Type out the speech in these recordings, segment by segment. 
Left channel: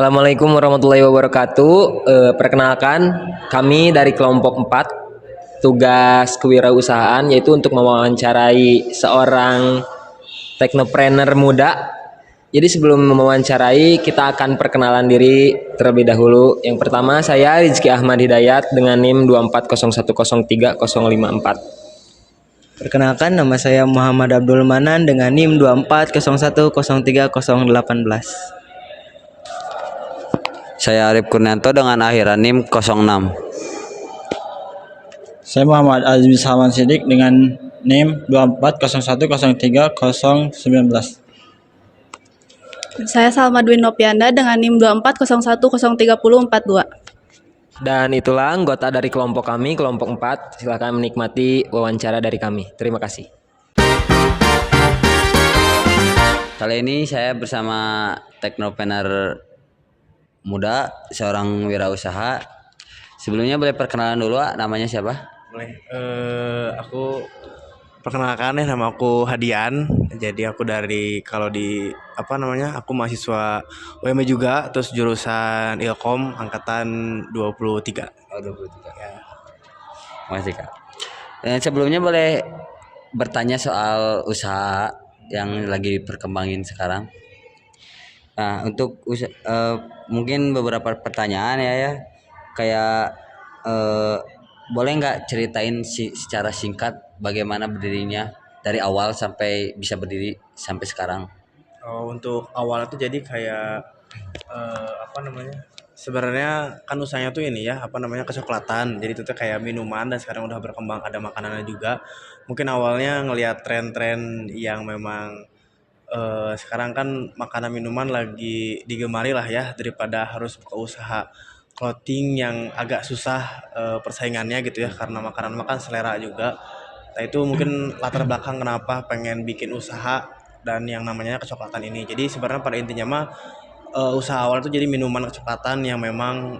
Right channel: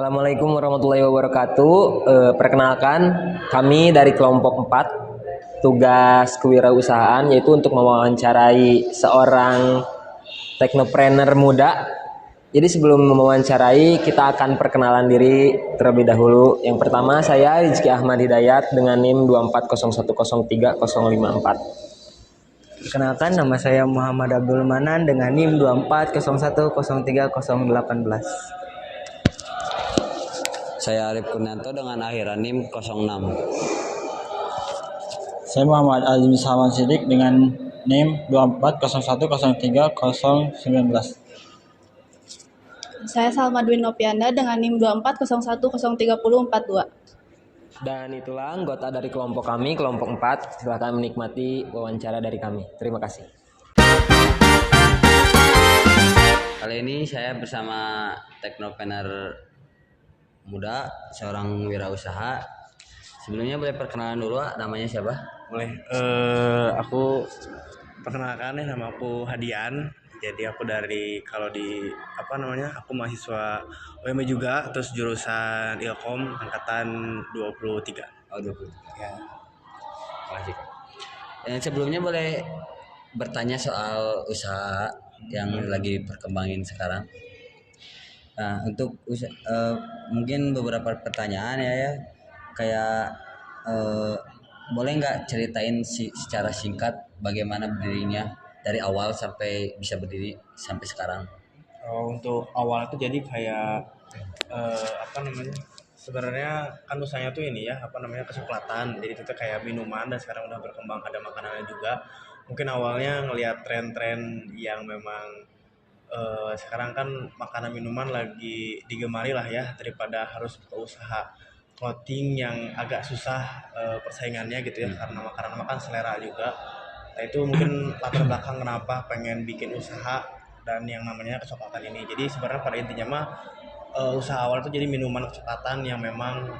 Assalamualaikum warahmatullahi wabarakatuh. Perkenalkan, kami dari kelompok 4, tugas kewirausahaan yaitu untuk mewawancarai seorang teknopreneur muda. Jadi sebelum mewawancarai, kita akan perkenalan diri terlebih dahulu. Yang pertama, saya Rizky Ahmad Hidayat dengan NIM 240103054. Perkenalkan, nama saya Muhammad Abdul Manan dengan NIM 24010303018. Saya Arif Kurnianto dengan akhiran NIM 06. Saya Muhammad Azmi Salman Sidik dengan NIM 240103019. Saya Salma Dwi Nopianda dengan NIM 240103042. Dan itulah anggota dari kelompok kami, kelompok 4. Silakan menikmati wawancara dari kami. Terima kasih. Kali ini saya bersama teknopreneur muda, seorang wirausaha. Sebelumnya boleh perkenalan dulu, namanya siapa? Boleh. Aku perkenalkan ya, nama aku Hadian. Jadi aku aku mahasiswa UMY juga, terus jurusan Ilkom angkatan 23. Oh, 23. Ya. Makasih, Kak. Sebelumnya boleh bertanya soal usaha yang lagi perkembangin sekarang. Nah, untuk mungkin beberapa pertanyaan ya. Kayak boleh nggak ceritain secara singkat bagaimana berdirinya dari awal sampai bisa berdiri sampai sekarang? Untuk awal tuh jadi kayak sebenarnya kan usahanya tuh ini ya, kecoklatan. Jadi itu tuh kayak minuman dan sekarang udah berkembang ada makanannya juga. Mungkin awalnya ngelihat tren-tren yang memang sekarang kan makanan minuman lagi digemari lah ya, daripada harus buka usaha clothing yang agak susah persaingannya gitu ya, karena makanan makan selera juga. Nah itu mungkin latar belakang kenapa pengen bikin usaha dan yang namanya kecoklatan ini. Jadi sebenarnya pada intinya mah usaha awal tuh jadi minuman kecoklatan yang memang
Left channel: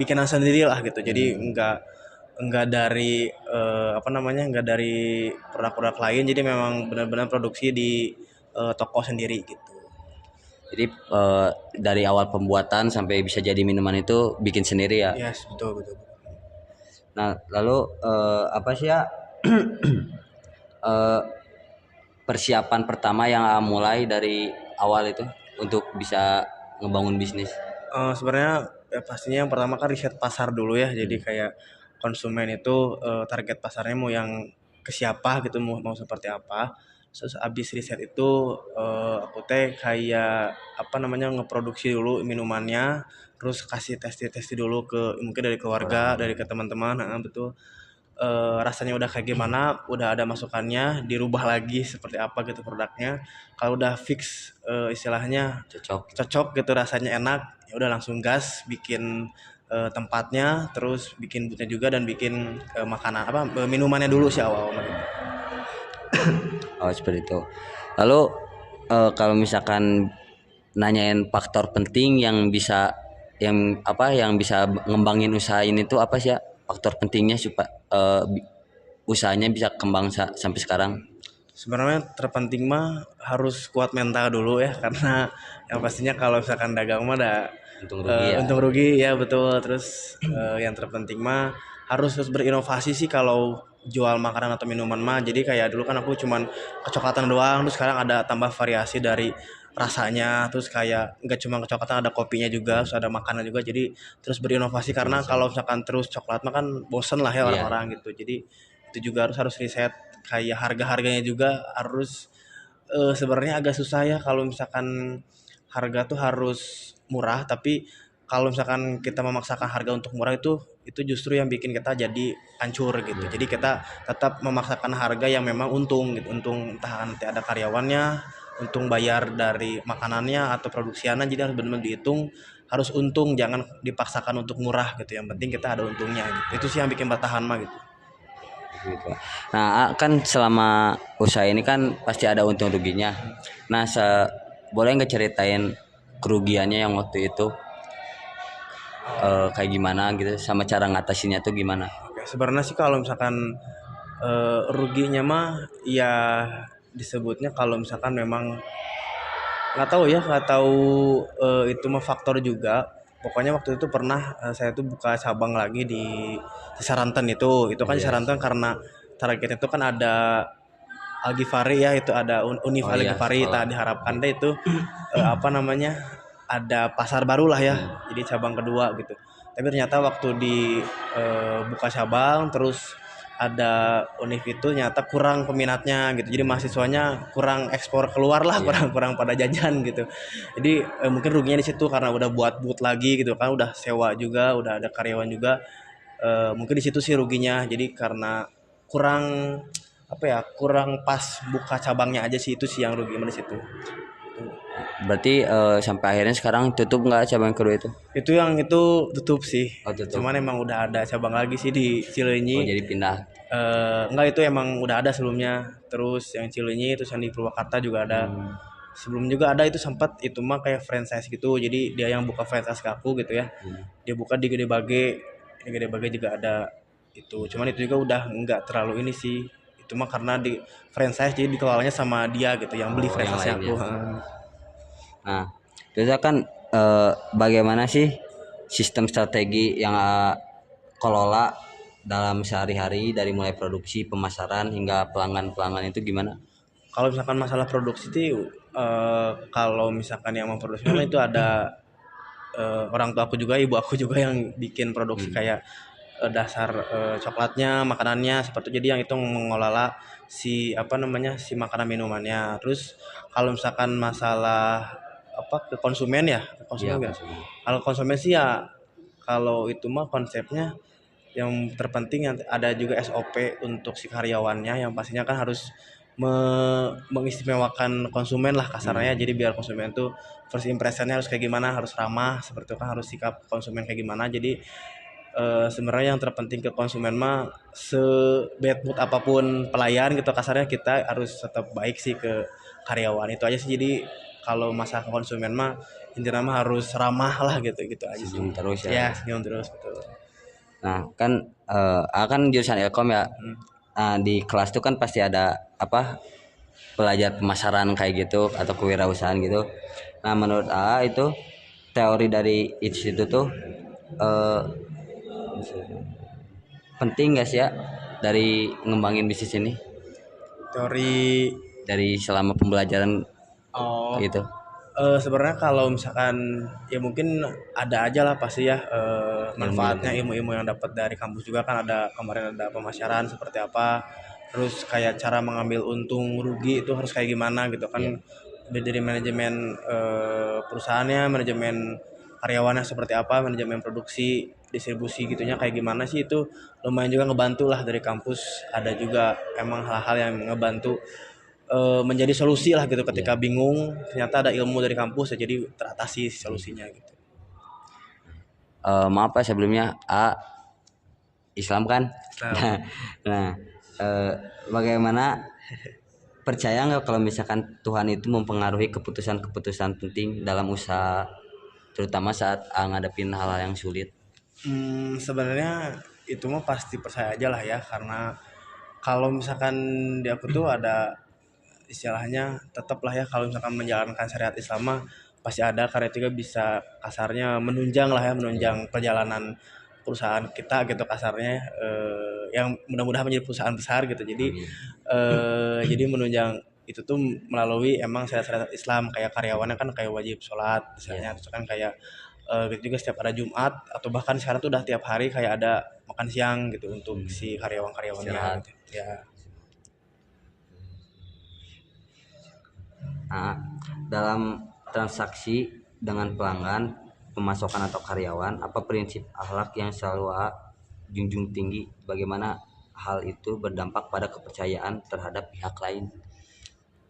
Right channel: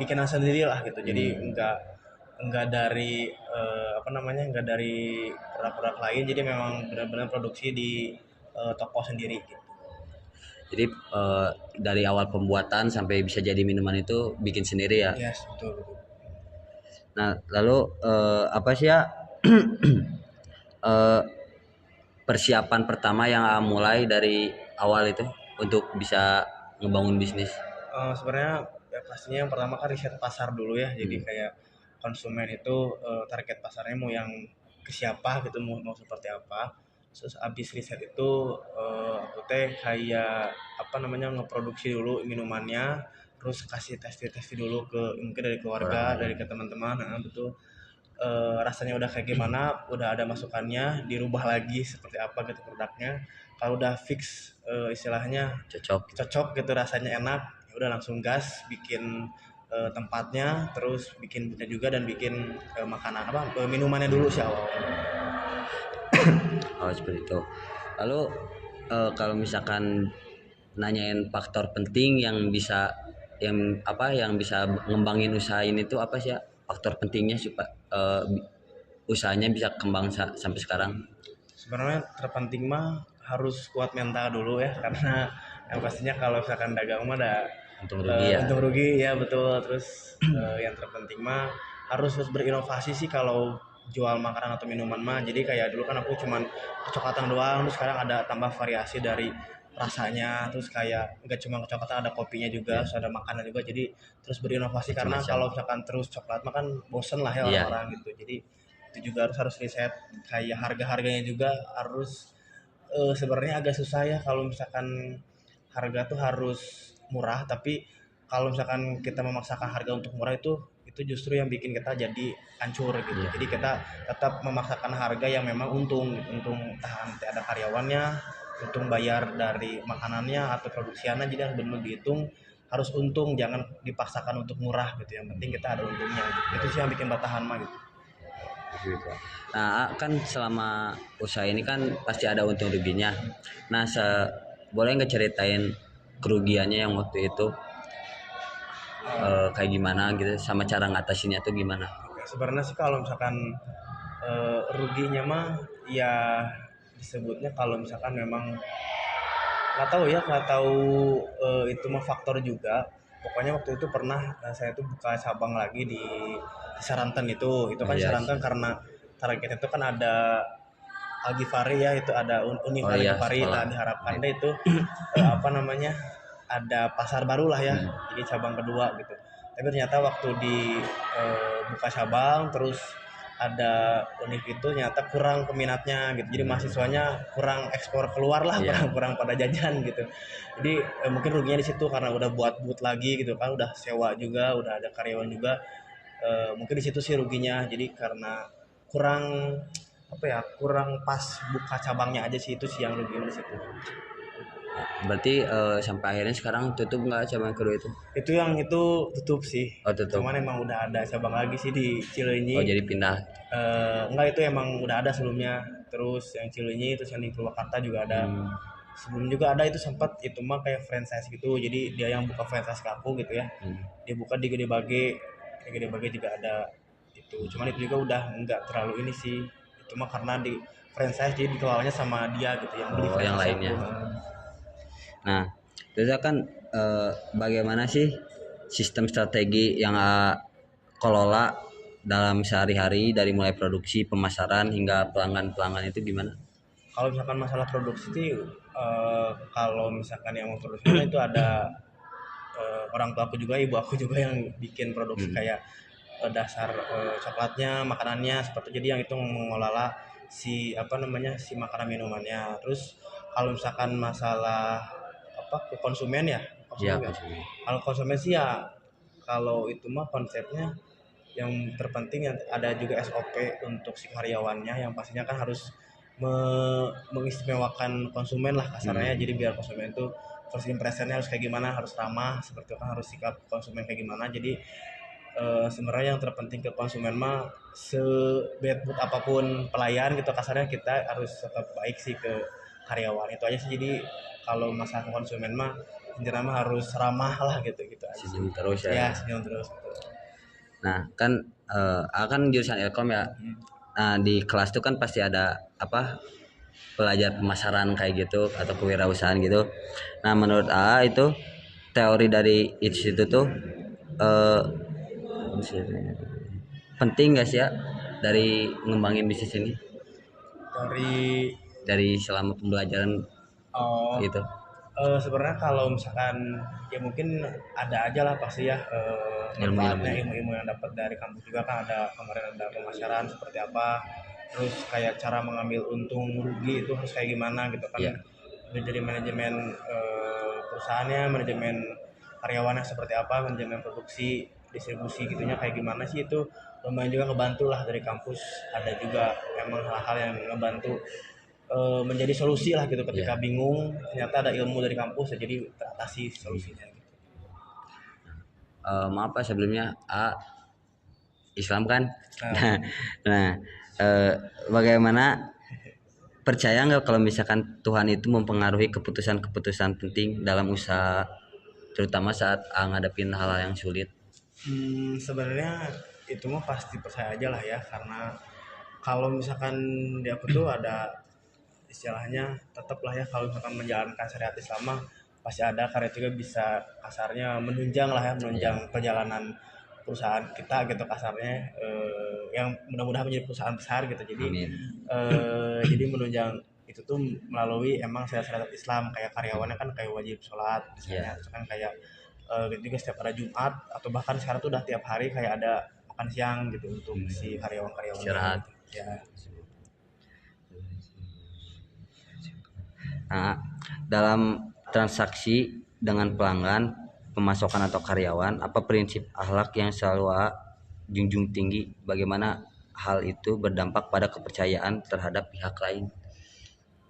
bikinan sendiri lah gitu. Jadi enggak dari enggak dari produk-produk lain. Jadi memang benar-benar produksi di toko sendiri gitu. Jadi dari awal pembuatan sampai bisa jadi minuman itu bikin sendiri ya? Yes, betul. Nah, lalu apa sih ya persiapan pertama yang mulai dari awal itu untuk bisa ngebangun bisnis? Sebenarnya ya pastinya yang pertama kan riset pasar dulu ya. Jadi kayak konsumen itu target pasarnya mau yang ke siapa gitu, mau seperti apa. Terus abis riset itu aku kayak ngeproduksi dulu minumannya, terus kasih testi dulu ke mungkin dari keluarga, dari ke teman-teman. Betul. Rasanya udah kayak gimana, udah ada masukannya, dirubah lagi seperti apa gitu produknya. Kalau udah fix istilahnya cocok gitu, rasanya enak, ya udah langsung gas bikin tempatnya, terus bikin boothnya juga, dan bikin minumannya dulu sih awal-awal. Oh, seperti itu. Lalu kalau misalkan nanyain faktor penting yang bisa ngembangin usaha ini tuh apa sih ya? Faktor pentingnya supaya usahanya bisa kembang sampai sekarang? Sebenarnya terpenting mah harus kuat mental dulu ya, karena yang pastinya kalau misalkan dagang mah untung rugi ya, betul. Terus yang terpenting mah harus berinovasi sih kalau jual makanan atau minuman mah. Jadi kayak dulu kan aku cuman kecoklatan doang, terus sekarang ada tambah variasi dari rasanya, terus kayak nggak cuma kecoklatan, ada kopinya juga, terus ada makanan juga. Jadi terus berinovasi, karena kalau misalkan terus coklat mah kan bosen lah ya orang-orang gitu. Jadi itu juga harus riset, kayak harga-harganya juga harus sebenarnya agak susah ya kalau misalkan harga tuh harus murah, tapi kalau misalkan kita memaksakan harga untuk murah itu justru yang bikin kita jadi hancur gitu. Jadi kita tetap memaksakan harga yang memang untung gitu, untung entah nanti ada karyawannya, untung bayar dari makanannya atau produksiannya. Jadi harus benar-benar dihitung, harus untung, jangan dipaksakan untuk murah gitu. Yang penting kita ada untungnya gitu. Itu sih yang bikin bertahan mah gitu. Nah, kan selama usaha ini kan pasti ada untung ruginya. Nah, boleh nggak ceritain kerugiannya yang waktu itu kayak gimana gitu, sama cara ngatasinnya tuh gimana? Oke, sebenarnya sih kalau misalkan ruginya mah ya disebutnya kalau misalkan memang nggak tahu itu mah faktor juga. Pokoknya waktu itu pernah saya tuh buka cabang lagi di Saranten itu kan Iya. Saranten karena targetnya itu kan ada Algifari ya, itu ada Univ Oh iya, Algifari. sekolah. Tak diharapkan deh itu apa namanya, ada pasar baru lah ya, jadi cabang kedua gitu. Tapi ternyata waktu di buka cabang terus ada Univ itu ternyata kurang peminatnya gitu, jadi mahasiswanya kurang ekspor keluar lah, Iya. kurang pada jajan gitu. Jadi mungkin ruginya di situ karena udah buat booth lagi gitu kan, udah sewa juga, udah ada karyawan juga. Mungkin di situ sih ruginya, jadi karena kurang apa ya, kurang pas buka cabangnya aja sih, itu sih yang rugi di situ. Berarti sampai akhirnya sekarang tutup nggak cabang kedua itu? Itu tutup sih. Oh, tutup. Cuman emang udah ada cabang lagi sih di Cileunyi. Oh, jadi pindah. Enggak, itu emang udah ada sebelumnya. Terus yang Cileunyi, terus yang di Purwakarta juga ada. Sebelum juga ada, itu sempat itu mah kayak franchise gitu. Jadi dia yang buka franchise ke aku gitu ya. Dia buka di Gede Bage. Di Gede Bage juga ada itu. Cuman itu juga udah enggak terlalu ini sih. Itu mah karena di franchise jadi dikelolanya sama dia gitu, yang beli Oh, yang franchise lainnya. aku. Nah, terus kan bagaimana sih sistem strategi yang kelola dalam sehari-hari dari mulai produksi, pemasaran hingga pelanggan-pelanggan itu gimana? Kalau misalkan masalah produksi itu kalau misalkan yang memproduksi itu ada orang tua aku juga, ibu aku juga yang bikin produksi kayak dasar coklatnya, makanannya seperti itu. Jadi yang itu mengelola si apa namanya, si makanan minumannya. Terus kalau misalkan masalah apa ke konsumen ya, Iya, konsumen. Kalau konsumen sih ya, kalau itu mah konsepnya yang terpenting yang ada juga SOP untuk si karyawannya, yang pastinya kan harus mengistimewakan konsumen lah kasarnya. Jadi biar konsumen tuh first impressionnya harus kayak gimana, harus ramah seperti itu kan, harus sikap konsumen kayak gimana. Jadi sebenarnya yang terpenting ke konsumen mah, se-bad mood apapun pelayan gitu kasarnya, kita harus tetap baik sih ke karyawan, itu aja sih. Jadi kalau masalah konsumen mah intinya mah harus ramah lah gitu aja sih. Senyum terus ya. Ya, senyum terus betul. Nah, kan akan jurusan Ilkom ya. Nah, di kelas tuh kan pasti ada apa, pelajar pemasaran kayak gitu atau kewirausahaan gitu. Nah, menurut AA itu teori dari itu tuh penting gak sih ya dari ngembangin bisnis ini, Teori dari selama pembelajaran gitu? Sebenarnya kalau misalkan ya mungkin ada aja lah pasti ya manfaatnya, ilmu-ilmu yang dapat dari kampus juga kan. Ada kemarin ada pemasaran seperti apa, terus kayak cara mengambil untung rugi itu harus kayak gimana gitu kan. Iya. Dari manajemen perusahaannya, manajemen karyawannya seperti apa, manajemen produksi, distribusi gitunya kayak gimana sih, itu lumayan juga ngebantu lah dari kampus. Ada juga emang hal-hal yang ngebantu menjadi solusi lah gitu ketika bingung, ternyata ada ilmu dari kampus ya, jadi teratasi solusinya gitu. Maaf ya sebelumnya, Islam kan. Nah, bagaimana, percaya nggak kalau misalkan Tuhan itu mempengaruhi keputusan-keputusan penting dalam usaha, terutama saat ngadepin hal-hal yang sulit? Sebenarnya itu mah pasti percaya aja lah ya, karena kalau misalkan di aku tuh ada istilahnya, tetap lah ya, kalau misalkan menjalankan syariat Islam mah pasti ada, karena itu juga bisa kasarnya menunjang lah ya, menunjang perjalanan perusahaan kita gitu kasarnya, yang mudah-mudahan menjadi perusahaan besar gitu. Jadi jadi menunjang itu tuh melalui emang syariat Islam, kayak karyawannya kan kayak wajib sholat misalnya, terus kan kayak gitu juga setiap ada Jumat, atau bahkan sekarang tuh udah tiap hari kayak ada makan siang gitu untuk si karyawan-karyawannya gitu. Ya. Nah, dalam transaksi dengan pelanggan, pemasokan atau karyawan, apa prinsip akhlak yang selalu junjung tinggi? Bagaimana hal itu berdampak pada kepercayaan terhadap pihak lain?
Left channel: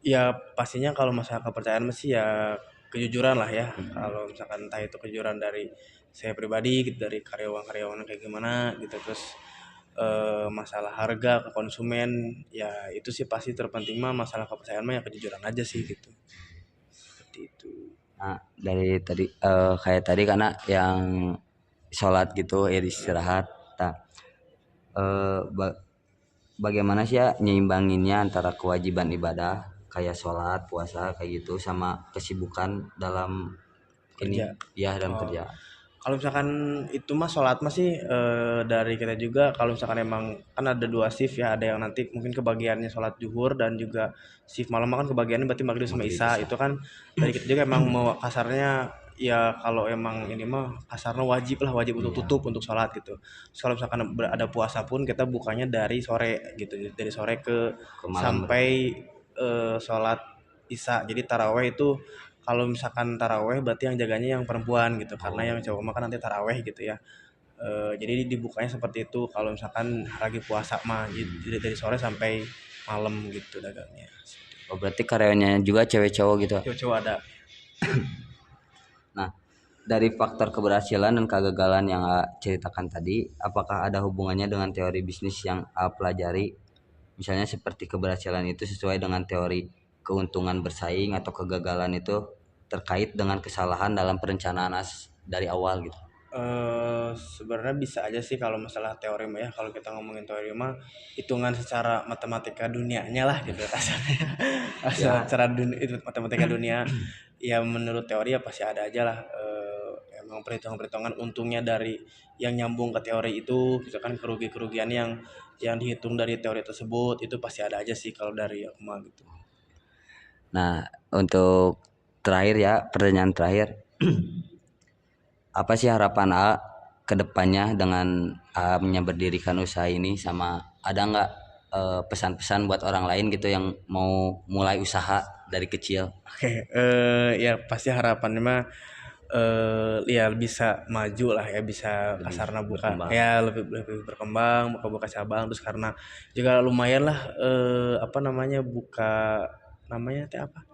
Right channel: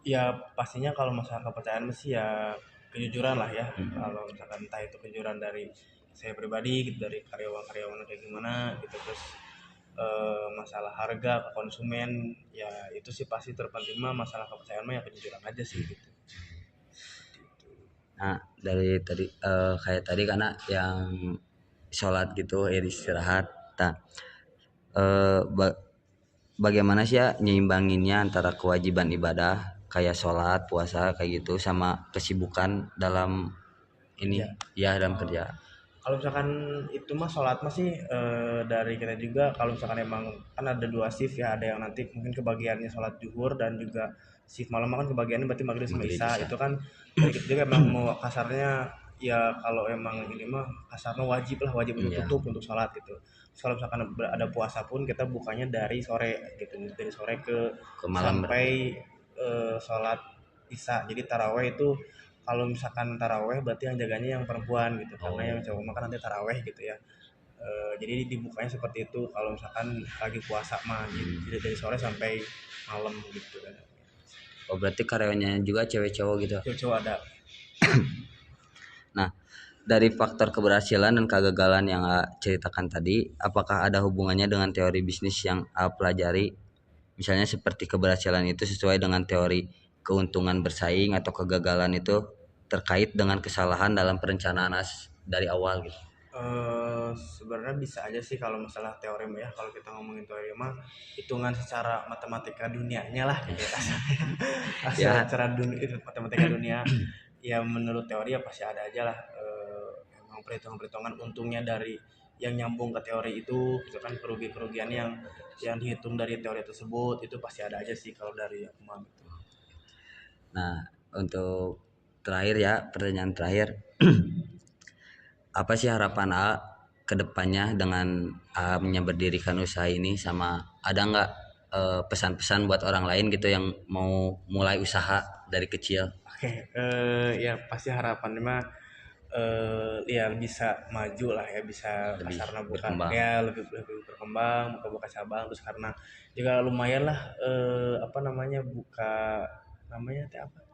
Ya pastinya kalau masalah kepercayaan mesti ya kejujuran lah ya. Kalau misalkan entah itu kejujuran dari saya pribadi gitu, dari karyawan-karyawan kayak gimana gitu, terus masalah harga ke konsumen ya, itu sih pasti terpenting mah. Masalah kepercayaan mah ya kejujuran aja sih gitu. Seperti itu. Nah, dari tadi kayak tadi karena yang sholat gitu, istirahat. Nah, bagaimana sih ya nyeimbanginnya antara kewajiban ibadah kayak sholat, puasa kayak gitu sama kesibukan dalam ini Kerja. ya dalam kerja. Kalau misalkan itu mah sholat mah sih dari kita juga, kalau misalkan emang kan ada 2 shift ya, ada yang nanti mungkin kebagiannya sholat zuhur dan juga shift malam kan kebagiannya berarti maghrib sama Maghrib, isya. isya. Itu kan dari kita juga emang mau kasarnya ya, kalau emang ini mah kasarnya wajib untuk Iya. tutup untuk sholat gitu. Terus kalau misalkan ada puasa pun kita bukanya dari sore gitu, dari sore ke malam sampai sholat isya. Jadi taraweh itu, kalau misalkan taraweh berarti yang jaganya yang perempuan gitu, karena yang cowok mah kan nanti taraweh gitu ya. Jadi dibukanya seperti itu kalau misalkan lagi puasa mah, jadi dari sore sampai malam gitu dagangnya. Oh berarti karyawannya juga cewek cowok gitu. Cowok ada. Nah, dari faktor keberhasilan dan kegagalan yang ceritakan tadi, apakah ada hubungannya dengan teori bisnis yang pelajari? Misalnya seperti keberhasilan itu sesuai dengan teori keuntungan bersaing atau kegagalan itu terkait dengan kesalahan dalam perencanaan dari awal gitu. Sebenarnya bisa aja sih kalau masalah teori mah ya. Kalau kita ngomongin teori mah hitungan secara matematika dunianya lah gitu kasarnya. Ya. Secara matematika dunia ya, menurut teori ya pasti ada aja lah. Emang perhitungan untungnya dari yang nyambung ke teori itu, misalkan kerugian yang dihitung dari teori tersebut itu pasti ada aja sih kalau dari aku mah gitu. Nah, untuk terakhir ya, pertanyaan terakhir. Apa sih harapan A ke depannya dengan A-nya berdirikan usaha ini, sama ada nggak pesan-pesan buat orang lain gitu yang mau mulai usaha dari kecil? Oke, ya pasti harapannya mah ya bisa maju lah ya, bisa Lebih kasarnya buka berkembang. ya, lebih berkembang, buka cabang, terus karena juga lumayan lah apa namanya, buka namanya teh apa,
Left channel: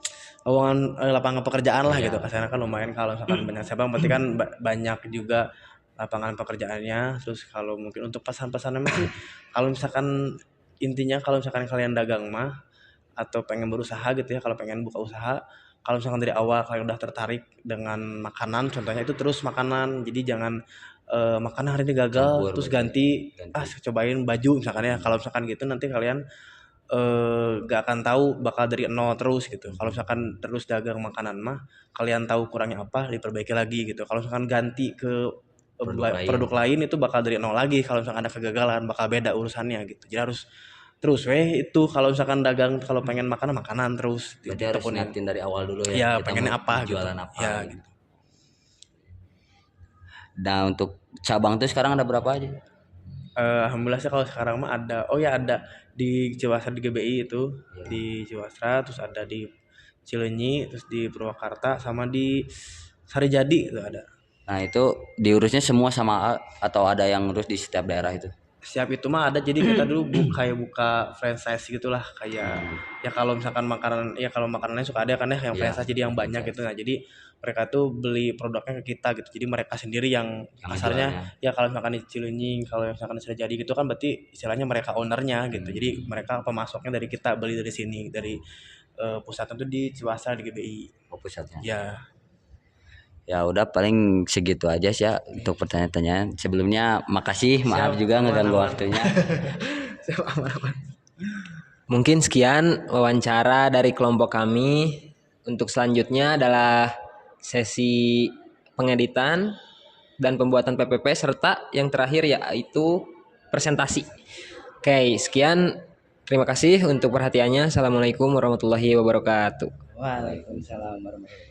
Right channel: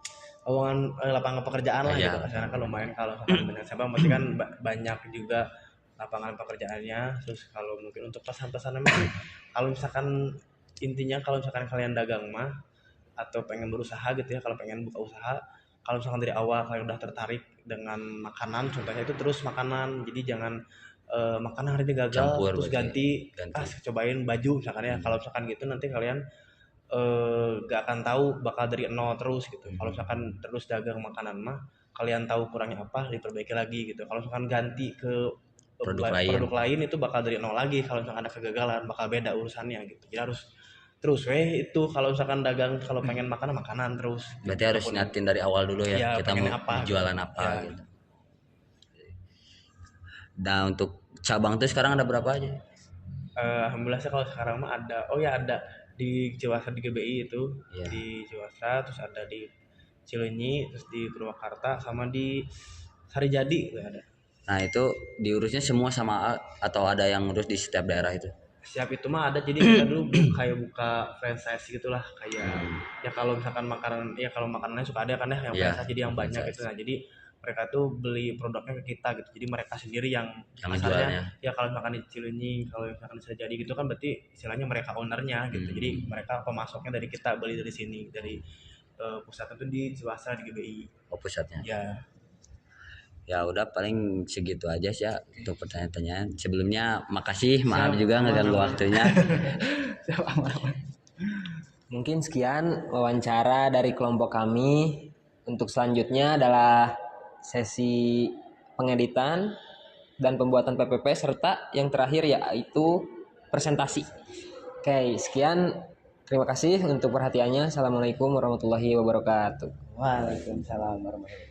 lowongan lapangan pekerjaan lah Iya. gitu kasarnya kan lumayan. Kalau misalkan banyak cabang berarti kan banyak juga lapangan pekerjaannya. Terus kalau mungkin untuk pesan-pesannya mah sih, kalau misalkan intinya kalau misalkan kalian dagang mah atau pengen berusaha gitu ya, kalau pengen buka usaha, kalau misalkan dari awal kalian udah tertarik dengan makanan contohnya, itu terus makanan. Jadi jangan makanan hari ini gagal Campur terus berarti. ganti cobain baju misalkan ya. Kalau misalkan gitu nanti kalian gak akan tahu, bakal dari nol terus gitu. Kalau misalkan terus dagang makanan mah, kalian tahu kurangnya apa, diperbaiki lagi gitu. Kalau misalkan ganti ke produk lain itu bakal dari nol lagi. Kalau misalkan ada kegagalan bakal beda urusannya gitu. Jadi harus terus itu kalau misalkan dagang, kalau pengen makanan terus. Berarti harus niatin dari awal dulu ya, Ya, kita pengennya mau apa jualan gitu. apa Ya, gitu. Nah, untuk cabang tuh sekarang ada berapa aja? Alhamdulillah sih kalau sekarang mah ada, ada di Ciwasra di GBI itu, Iya. di Ciwasra, terus ada di Cileunyi, terus di Purwakarta, sama di Sarijadi itu ada. Nah, itu diurusnya semua sama A atau ada yang ngurus di setiap daerah itu? Siap itu mah ada, jadi kita dulu kayak buka franchise gitulah, kayak ya kalau misalkan makanan ya, kalau makanannya suka ada kan ya yang Iya, franchise, jadi yang banyak franchise. gitu. Nah jadi mereka tuh beli produknya ke kita gitu, jadi mereka sendiri yang Yang kasarnya jualnya. ya. Kalau misalkan di Cileunyi, kalau misalkan sudah jadi gitu kan berarti istilahnya mereka ownernya gitu. Jadi mereka pemasoknya dari kita, beli dari sini, dari pusatnya tuh di Ciwasra di GBI Oh, pusatnya. ya. Ya udah, paling segitu aja sih ya untuk pertanyaan-pertanyaan. Sebelumnya makasih, maaf juga ngeganggu waktunya. Mungkin sekian wawancara dari kelompok kami. Untuk selanjutnya adalah sesi pengeditan dan pembuatan PPP, serta yang terakhir yaitu presentasi. Oke, sekian. Terima kasih untuk perhatiannya. Assalamualaikum warahmatullahi wabarakatuh. Waalaikumsalam warahmatullahi wabarakatuh.